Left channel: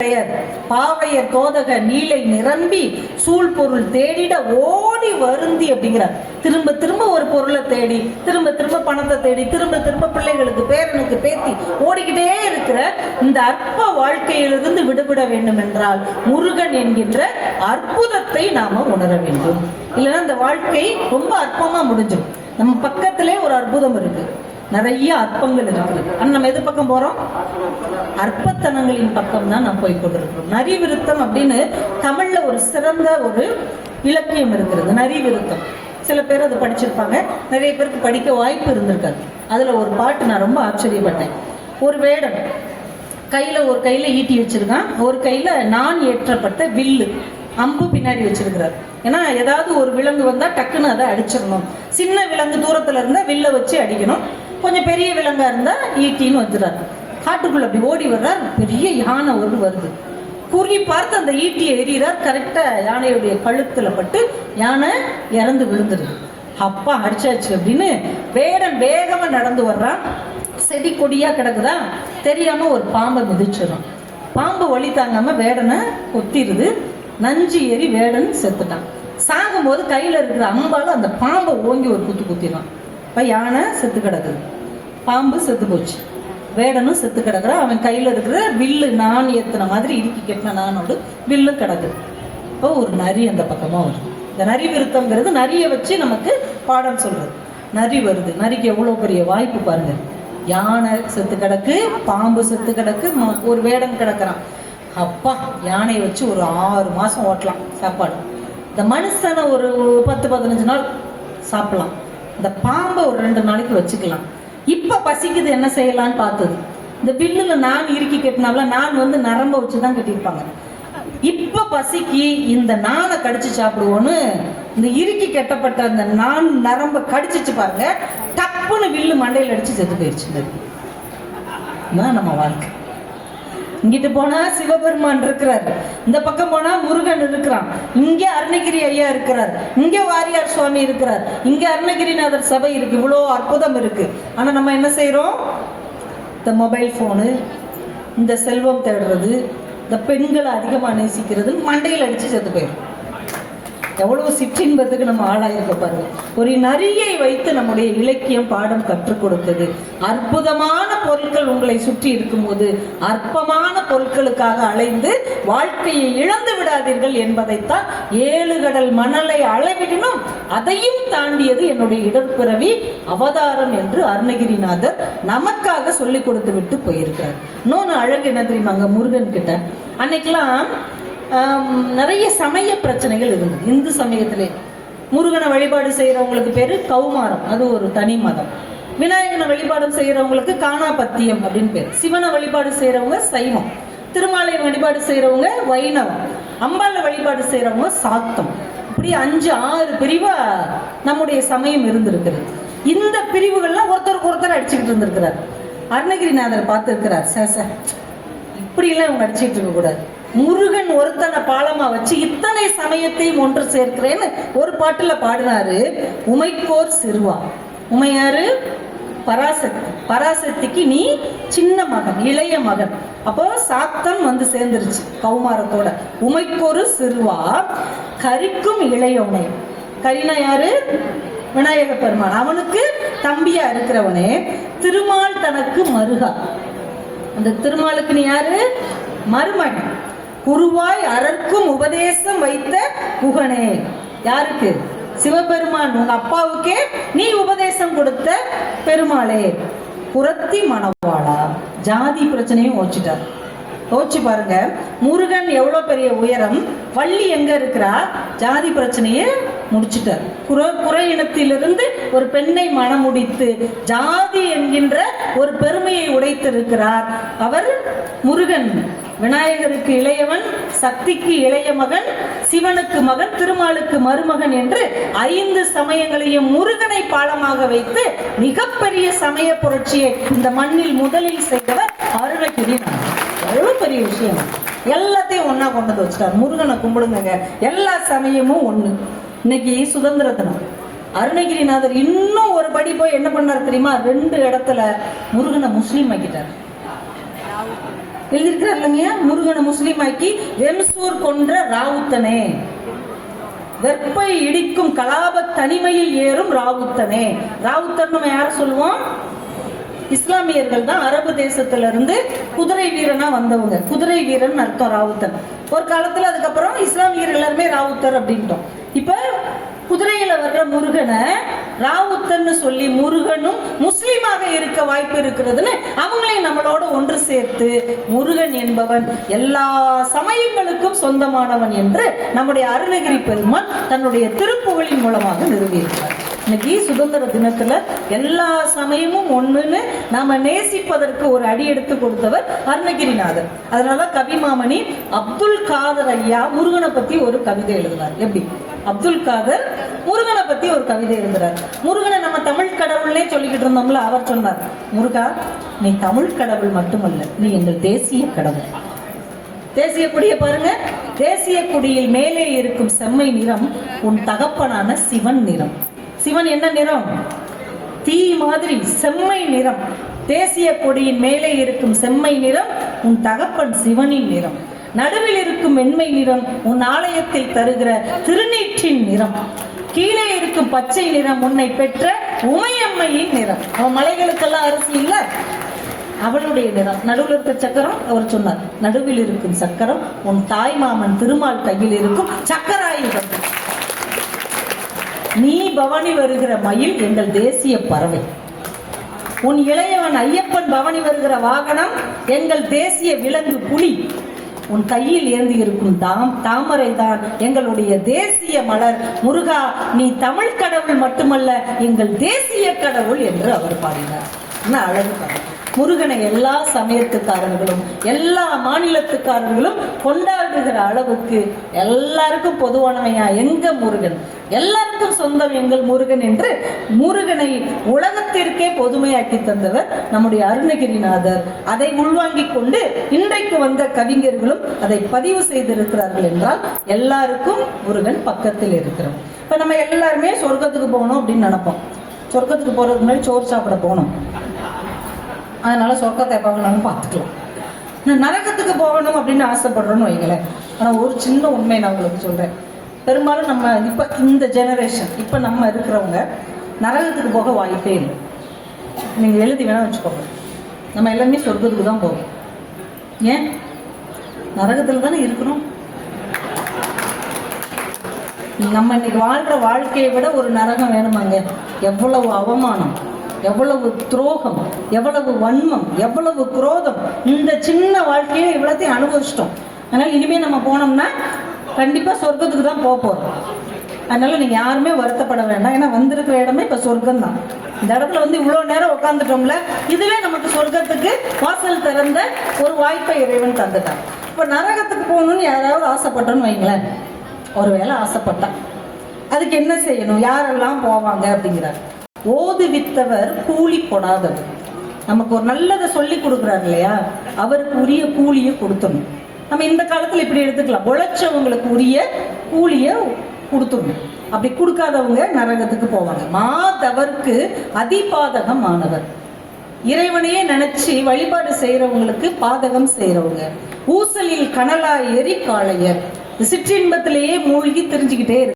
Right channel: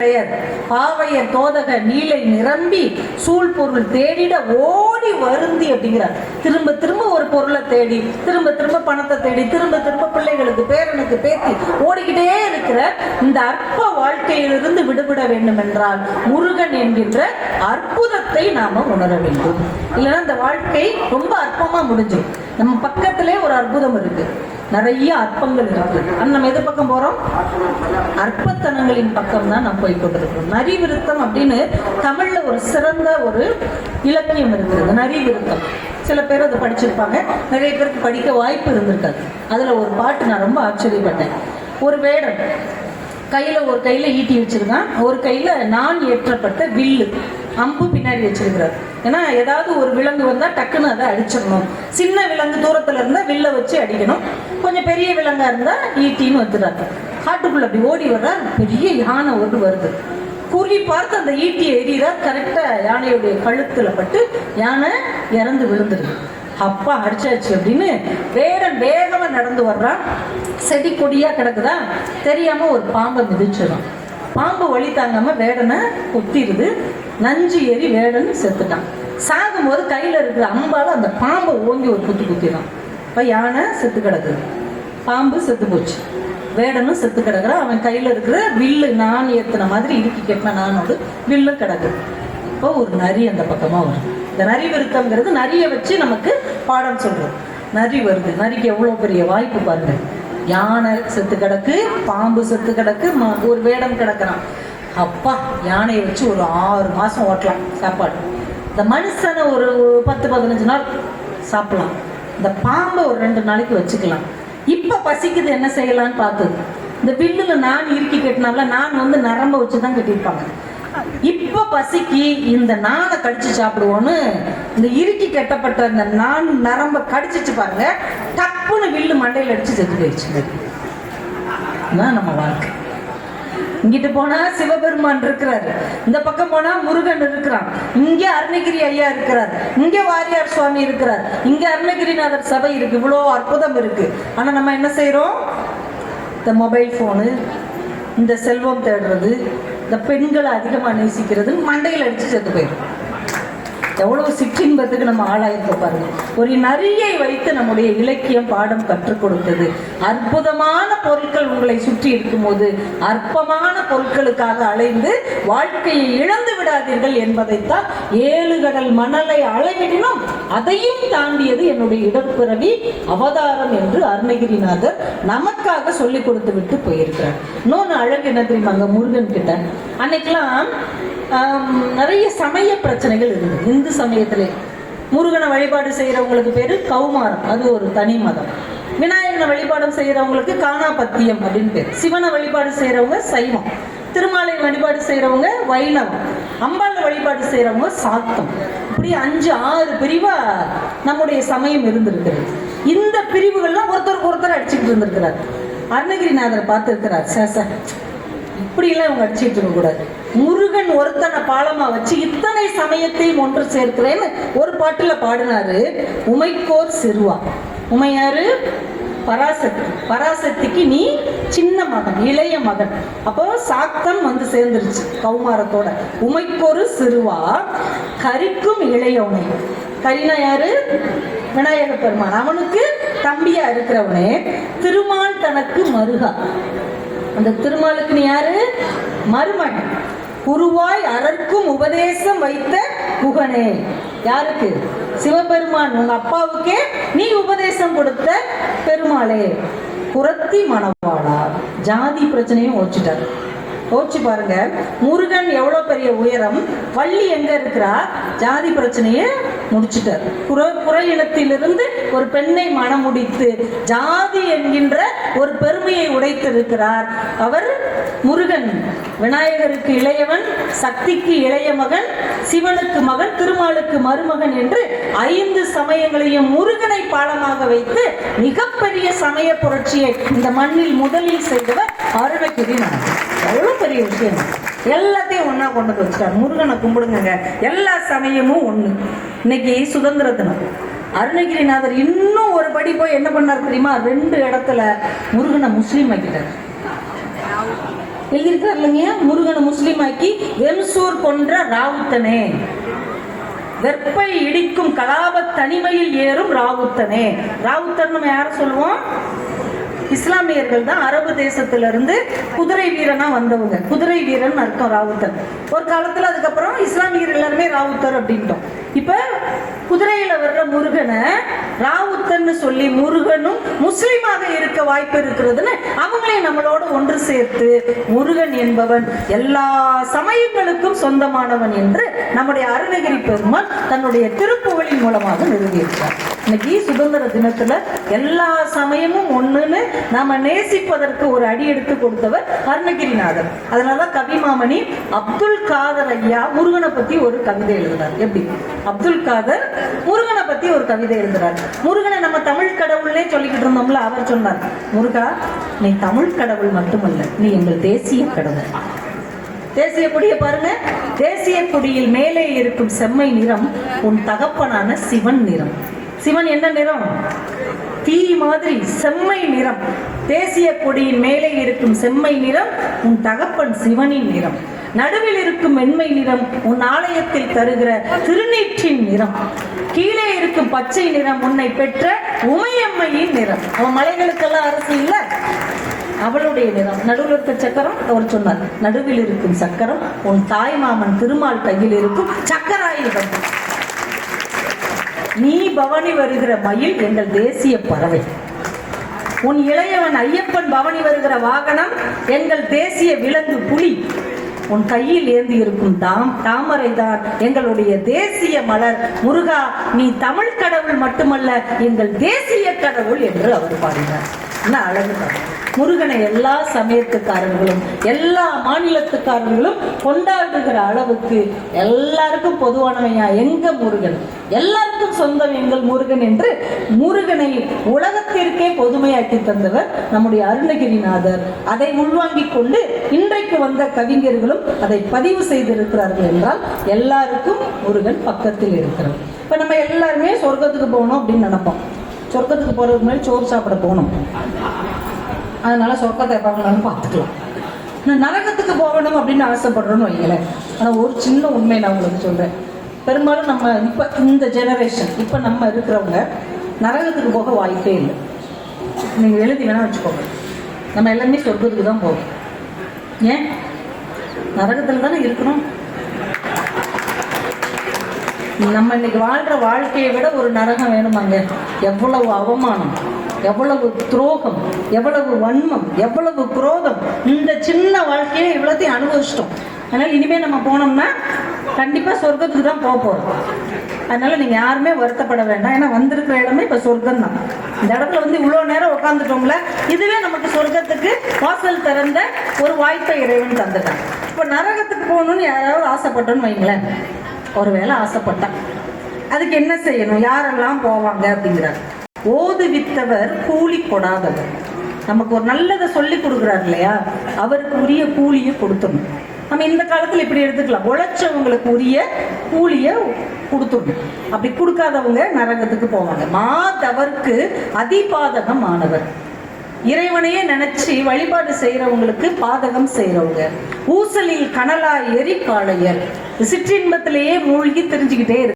பாவையர் தோதக நீலை நிரம்பி சூழ் பொருள் தேடிட ஓடி வருந்தி அப்படிங்கிறார். திரும்ப திரும்ப ஒரு பொருளை தேடி, திரும்ப திரும்ப பணத்தை தேடி, திரும்ப திரும்ப பிள்ளைகளுக்கு பேரனுக்கு பேத்தி ஓடிக்கிட்டே இருக்கிற இந்த அற்ப வாழ்க்கையிலிருந்து விடுபட வேண்டும் என்றால் முருகன் என்கின்ற அற்புதத்தை நாம உணர வேண்டும். இல்லைன்னா இந்த வாழ்க்கை ரொம்ப அற்பமா முடிஞ்சும். நம்ம பக்கத்திலே ஒரு அற்புதம் இருக்கு, நிறைய அற்பங்கள் இருக்கு. நம்ம எது பக்கம் போறோம்? அற்பத்தனங்களின் பக்கம் தான் நம்ம போய் கொண்டிருக்கிறோம். நரி விருத்தம் அப்படின்னு தமிழ்ல ஒரு சிறந்த ஒரு இலக்கியம் இருக்கிறது. நரி விருத்தம் சில பேர் அதை படிச்சிருப்பாங்க, நிறைய பேருக்கு படிக்க வாய்ப்பு இருந்திருக்காது. அதுல ஒரு பாட்டு நான் ரொம்ப ஆச்சரியப்பட்டேன். ஒரு வேடம் ஒரு கையில ஈட்டி வச்சிருக்கான், ஒரு கையில நான் ஏற்றப்பட்ட வில்லு அம்பு பின்னாடி வச்சிருக்கிறார். ஏன்னா ஏதாவது ஒரு விலங்கு வந்தா டக்குன்னு அதை அடிச்சிடணும். சின்ன விலங்கு தூரத்துல இருந்தா வில்ல வச்சு அடிக்கணும், கொஞ்சம் பெரிய விலங்கா இருந்தா ஈட்டின்னு வந்துடுறாரு. காட்டுக்குள்ள அப்படி ஓடி வர்றார், பெரிய யானை ஒன்று வருது. குறி பார்த்து அந்த ஈட்டியை எறிகிறார். கரெக்டா யானையுடைய கழுத்துல பட்டு யானை இறந்து விழுந்துருது. அப்பா அடிச்சாச்சு அப்படின்னு வேடன் வேகமா நடந்து வர்றான். செடி கொடியா கிடக்குதா, தெரியாம ஒரு பாம்பை மிதிச்சிடும். பாம்பு வழி தாங்காம வேடனை கொத்திடுது. நஞ்சு ஏறி வேடன் செத்துட்டான். சாகும் போது கையில இருக்கிற அம்பால அந்த பாம்பை ஓங்கி ஒரு குத்து குத்திடும். யானை செத்து கிடக்குது, பாம்பு செத்து போச்சு, வேடனும் செத்து கிடக்குறான். அவன் கையில இருக்கிற வில்லு நான் ஏத்துன மாதிரி இடுக்கி கெட்டின நானோடு வில்லு கிடக்குது. இப்போ ஒரு நரி அந்த பக்கமா வரும். இந்த நரி விருத்தம்ங்கிறது நரியை வச்சு நமக்கு பாடம் சொல்றது. நரி வருது, நரிக்கு எவ்வளவு பெரிய வாய்ப்பு பாருங்க. யானை செத்து கிடக்கு, பாம்பு செத்து கிடக்கு, ஒரு வேடம் கிடக்குறான். அப்பா, யானையை வச்சு ஒரு 6 மாசம் ஓட்டலாம் சாப்பாடு. இந்த மனுஷனை ஒரு 10-15 நாள் சாப்பிடலாம். இந்த பாம்பை ஒரு 2 நாளைக்கு வச்சுக்கலாம். இப்ப பசிக்குது, என்ன செய்யலான்னு பார்த்து இந்த வில்லுல நான் இறுக்கி கட்டினால நான் நரம்ப வச்சுதான் கட்டியிருப்பாங்க. இப்ப பசிக்கு இந்த நானை கடிச்சு சாப்பிடுவோன்னு இந்த இறுக்கி கட்டப்பட்ட இந்த நான் நரம்ப கடிச்சிச்சு பாருங்க, டப்புன்னு வில்லு மண்டையில் அடிச்சு செத்து போயிடுச்சு. நம்ம வாழ்க்கை. இங்கிட்டு போனா சிவபெருமான் இருக்கிறார், இந்த பக்கம் போனா முருகன் இருக்கிறான், இங்க அருணகிரி ஐயா இருக்கிறார், இங்க வாரியார் சுவாமி இருக்கிறார், இங்க அருணகிரிநாதர் சபை இருக்கு. இவ்வளோ அற்புதம் இருக்கு. ஆனா நம்ம என்ன செய்யறோம்? இந்த மொபைல் போனு, இந்த செல்வம் தேடுறது, இந்த பெண்களை அதிகமா நேசிக்கிறது, மண்டையில் அடிச்சு செத்து போயிடும். எவ்வளவு சிற்றின்பத்துக்கு நம்ம ஆளாயிருக்க பாருங்க. ஒரு நரியை வைத்து நம்முடைய இலக்கியம் பாடம் கற்றுக் கொடுத்தது. அற்புதமான பொருட்கள் உங்களை சுற்றி இருக்கும் போது அற்பமான பொருட்களுக்காக அலைந்து வாழ்க்கையை இழந்து விடாதீர்கள் என்பதைத்தான் 7 கடல் மணலை அளவிடணும், அதையும் தாண்டியது என்னுடைய இடர்பிறவி அவதாரம் என்று அருணகிரிநாதர் நமக்காக சொல்லிக் கொடுத்து விட்டு போயிருக்கிறார். இன்னொன்னு அழகு என்ன தெரியுமாங்க? முருகன் கிட்ட அன்னைக்கெல்லாம் நிறைய சமய பிரச்சனைகள் இருந்தது. இந்து சமயத்திலே முருகனை வழிபாடு செய்யறவங்களுக்கு பேரு கௌமாரம், அது ஒரு தனி மதம். விநாயகனை வழிபாடு செய்யறவங்களுக்கு காணாபத்தியம் அப்படின்னு பேர். சிவனை வழிபாடு செய்யறவங்க சைவம், திருமாலை வழிபாடு செய்யறவங்க வைணவம், அம்பாளை வழிபாடு செய்யறவங்க சாத்தம். இப்படி 5-6 பிரிவா நம்முடைய சமயம் இருந்திருக்கிறது. இந்த பிரிவுகள்லாம் ஒருத்தருக்கு ஒருத்தர் அடிச்சுட்டு இருந்திருக்கிறார். அருணகிரிநாதர் பார்த்திருக்கிறார், சார் இப்படி எல்லாம் அவங்க அடிச்சுட்டு இருக்க கூடாது. முருகன் ஒருத்தனை பாலமா வச்சு இத்தனை சமயத்தையும் ஒன்று சேர்க்கிறேன்னு ஒரு பாட்டுல பாடினாரு. உமைக்கோர் சிறுவா. உமையாரு? பராசக்தி. பராசக்திக்கு நீ சின்ன மகன், இளைய மகன். அப்போ சாத்தம் சேர்ந்துருச்சு கௌமாரத்தோட. உமைக்கொரு சிறுவா கரிக்கும் இளையோனை. கரினா யாரு? விநாயக பெருமான். அவனுக்கு தம்பியா இருக்கிறவனே திருமால் தனக்கு மருகா. அந்த திருமாலுக்கு நீ யாரு? மருமகன். குருவாய் அரற்கும் உபதேசம் வைத்த புகனே. யாருக்கு? சிவபெருமான். உங்க அப்பாவுக்கே நீ உபதேசம் கொடுத்த பெருமாளே. புறத்தி மணவாளா. ஜாதி பிரச்சனையும் ஓச்சிட்டார். யோசிச்சு பாருங்க, முருகன் எவ்வளவு பெரிய உயரம், வள்ளி எங்க இருக்கிறா? ஜாதி பிரச்சனையை முடிச்சுட்டார். குறை இனத்திலிருந்து ஒரு பெண்ணை மனம் முடித்து ஜாதி என்கின்ற ஒரு பெருமையை உடைத்திருக்கிறார் அவர் முருகன். விநாயகருக்கு இளையவன், சக்திக்கு இளைய மகன், சிவனுக்கு மகன், திருமாலுக்கு மருமகன் என்று 5 சமயங்களையும் முருகனை பாலமாக வைத்து மிகப்பெரிய சமய புரட்சியை இந்த மண்ணில் முதலில் செய்தவர் அருணகிரிநாதர். எவ்வளவு பெரிய விஷயம். எல்லாத்தையும் ஒன்னா கொண்டு வச்சுட்டார். முருகனை கும்பிடுங்க, எல்லா சமயமும் ஒண்ணு. இன்னைக்கு சுதந்திர தினம். அருணகிரிநாதர் இன்னும் ஒரு படி போய் என்ன பண்ணார் தெரியுமா? 2 இடத்துல முருகனை முஸ்லீம் ஆக்கிட்டார். எழுதியிருக்காரு இல்லைங்க, முருகனை முஸ்லீம் ஆக்கி வெம்சூர் கொன்ற ராவுத்தனே, வெப்பை இடிக்கும் கலாப தனிமையில் ஏறும் ராவுத்தனே. ராவுத்தன் நம்ம யார சொல்லுவோம்? இஸ்லாமியர்கள் தான். அரபு தேசத்திலிருந்து குதிரை வீரனா வந்தவங்க. குதிரை வீரன் அர்த்தம் ராவுத்தன். ஒரு காலத்துல அதுக்கப்புறம் இஸ்லாமியர்கள் எல்லாருமே ராவுத்தர் அப்படின்ட்டோம். இப்ப குதிரையில வர்ற முருகனை ராவுத்தன்னு சொல்லி முருகனும் முஸ்லீமாக இருக்க வாய்ப்பு இருக்கிறதுன்னு அவங்களையும் நம்மளோட ஒன்று சேர்த்து முருகன் என்பவன் எல்லா சமயங்களுக்கும் சொந்தமானவன் என்று நம்முடைய அருணகிரி பெருமான் தன்னுடைய திருப்புகழின் மூலமாக நிறுவியிருக்கிறார். இன்னைக்கு சுதந்திர தினத்துல எல்லா சமயமும் ஒண்ணுன்னு நாம நேசிப்பதற்கு ஒரு அடி எடுத்து கொடுத்தவர் அருணகிரிநாதர். அதனாலதான் கவிமாமணி அப்துல் காதர் ஐயா முருகனை பத்தி ஒரு கவிதை எழுதுறார். எப்படி? அப்துல் காதர் முருகனை பத்தி ஒரு கவிதை எழுதுறார். முருகனை நம்ம தமிழ் கடவுள்னே சொல்லிக்கிட்டு இருந்தோம்ல, அவர் சொன்னார், முருகா நீ தமிழ் கடவுள் மட்டுமல்ல, நீ எங்கள் தேசிய கடவுள். தேசிய கொடியை பாருங்க. தேசிய கொடியில் மேலே இருக்கும் செம்மை நிறம் உன் தகப்பனான சிவன் நிறம். சிவன் என்ன நிறம்? தீ மாதிரி செம்மை நிறம். தேசிய கொடியின் மேலே இருக்கும் செம்மை நிறம் உன் தகப்பன் சிவனின் நிறம். நடுவில் இருக்கும் மென்மை நிறம் உன் ஆலயத்தில் தருகிற திருநீற்றின் நிறம். கீழே இருக்கும் பச்சை நிறம் உன்னை பெற்ற உமையம்மையின் நிறம். அவன் மலைகளுக்கெல்லாம் அரசு இல்ல, அவளுடைய நிறம். நடுவில் இருக்க சக்கரம் அவர் சொன்னார், நடுவில் இருக்கும் சக்கரம் உன் தாய் மாமன் திருமால் கையில் இருக்கும் சக்கராயுதம். நீ பவனி வருகிற மயில் எங்கள் தேசிய பறவை. உன் இளையவன் ஐயப்பன் பவனி வருகிற வாகனம் எங்கள் தேசிய விலங்கு புலி. உன் கையில் ஏந்தி இருக்கும் தாமரை தான் எங்களுடைய தேசிய மலர். முருகா நீ தமிழ் கடவுள் மட்டுமல்ல, எங்கள் தேசிய கடவுள் என்று அவர் பாடினார். அழகு. முருகனை எல்லா சமயத்துக்காரர்களும் எல்லா மாநிலத்துக்காரர்களும் கொண்டாடுகிற அளவுக்கு எல்லாருக்கும் பொதுவானவையா எங்க முருகன், எல்லாருக்கும் சொந்தம் எங்கள் முருகன் என்று முருகனை உலகத்திற்கே பொதுமையாக்கி தந்தவர் நம்முடைய அருணகிரிநாதர். அதை உள்வாங்கிக் கொண்டு இன்றைக்கு வந்த கவிஞர்களும் அதை பதிவு செய்திருக்கிறார்கள் என்றால் எல்லாருக்கும் முருகன் பக்கத்தில் இருக்கிறார். இப்ப நம்ம எல்லாருமே சொர்க்கத்துக்கு போகணும் அப்படின்னு நினைப்போம். சொர்க்கத்துக்கு போறதுக்கு முன்னாடி சோறு சாப்பிட போகணும், அதனால சொர்க்கத்தை பார்க்கணும்னு பார்த்துக்கலாம். நரகத்துக்கு போகணும் அப்படின்னு ஆசைப்படுறோன்னு வைங்களேன். நான் ஒரு சின்ன உண்மை நான் உங்களுக்கு சொல்றேன். பெரும்பாலும் நம்ம இப்ப இந்த ஜெனரேஷன் இப்ப நம்ம இருக்கிறவங்க நரகத்துக்கு போக வாய்ப்பே இல்லை. நீங்க எழுதி வேணா வச்சுக்கோங்க, நம்ம எல்லாமே சொர்க்கத்துக்கு தான் போவோம். ஏன்? நரகத்துல தானே இருக்கணும். நம்ம இன்னைக்கு வாழ்ற வாழ்க்கையை விட ஒரு நரகம் வேணுமாங்க? எவ்வளவு அவமானம், எவ்வளவு துரோகம், எவ்வளவு வன்மம், எவ்வளவு குரோதம். இந்த சின்ன வாழ்க்கையில இவ்வளத்தையும் அனுபவிச்சிட்டோம். அதனால இனிமே நம்ம போனோம்னா கண்டிப்பா சொர்க்கத்துக்கு தான் போக போறோம். அதனால நீங்க யாருமே வருத்தப்பட வேண்டாம். ஏன்னா வந்திருக்கிற இடமே இப்ப சொர்க்கம் தான். இந்த இடத்துல வந்து இவ்வளவு நேரம் உட்காந்துட்டோம்ல, இதுவே நமக்கு சொர்க்கத்துக்கு வாசல் திறந்த ஒரு வாய்ப்பை இறைவன் தந்துட்டான். இப்ப நரகத்துக்கு போகணும்னு யாராவது ஆசைப்பட்டோன்னு வைங்களேன், ஒருவேளை ஆசைப்பட்டா அதுக்கு என்ன செய்யணும்? யாரெல்லாம் போவாங்க அப்படிங்கிறார். ஓதுவித்தவர் கூலி கொடாதவர். நமக்கு ஒரு நல்லதை சொல்லி கொடுக்குறாரு இல்லையா, அவருக்கு உரிய கூலியை கொடுத்துடணும். நம்ம இந்த காலத்துல இப்படி எடுத்துக்கலாம், உழைச்சவங்களுக்கு உரிய கூலிய கொடுத்துடணும். அப்படி கொடுக்காதவங்க நரகத்துக்கு போவாங்க. மாதவருக்கு அதிபாதகம் ஆனவர். இறைவனையே நினைச்சு வழிபாடு செய்யறவங்களுக்கு பாதகம் செய்யறவங்க. ஊசலில் கனலாய் எரி காளையர். சிற்றின்பத்திலேயே மூழ்கி தெரிஞ்சுக்கிட்டே இருக்கு.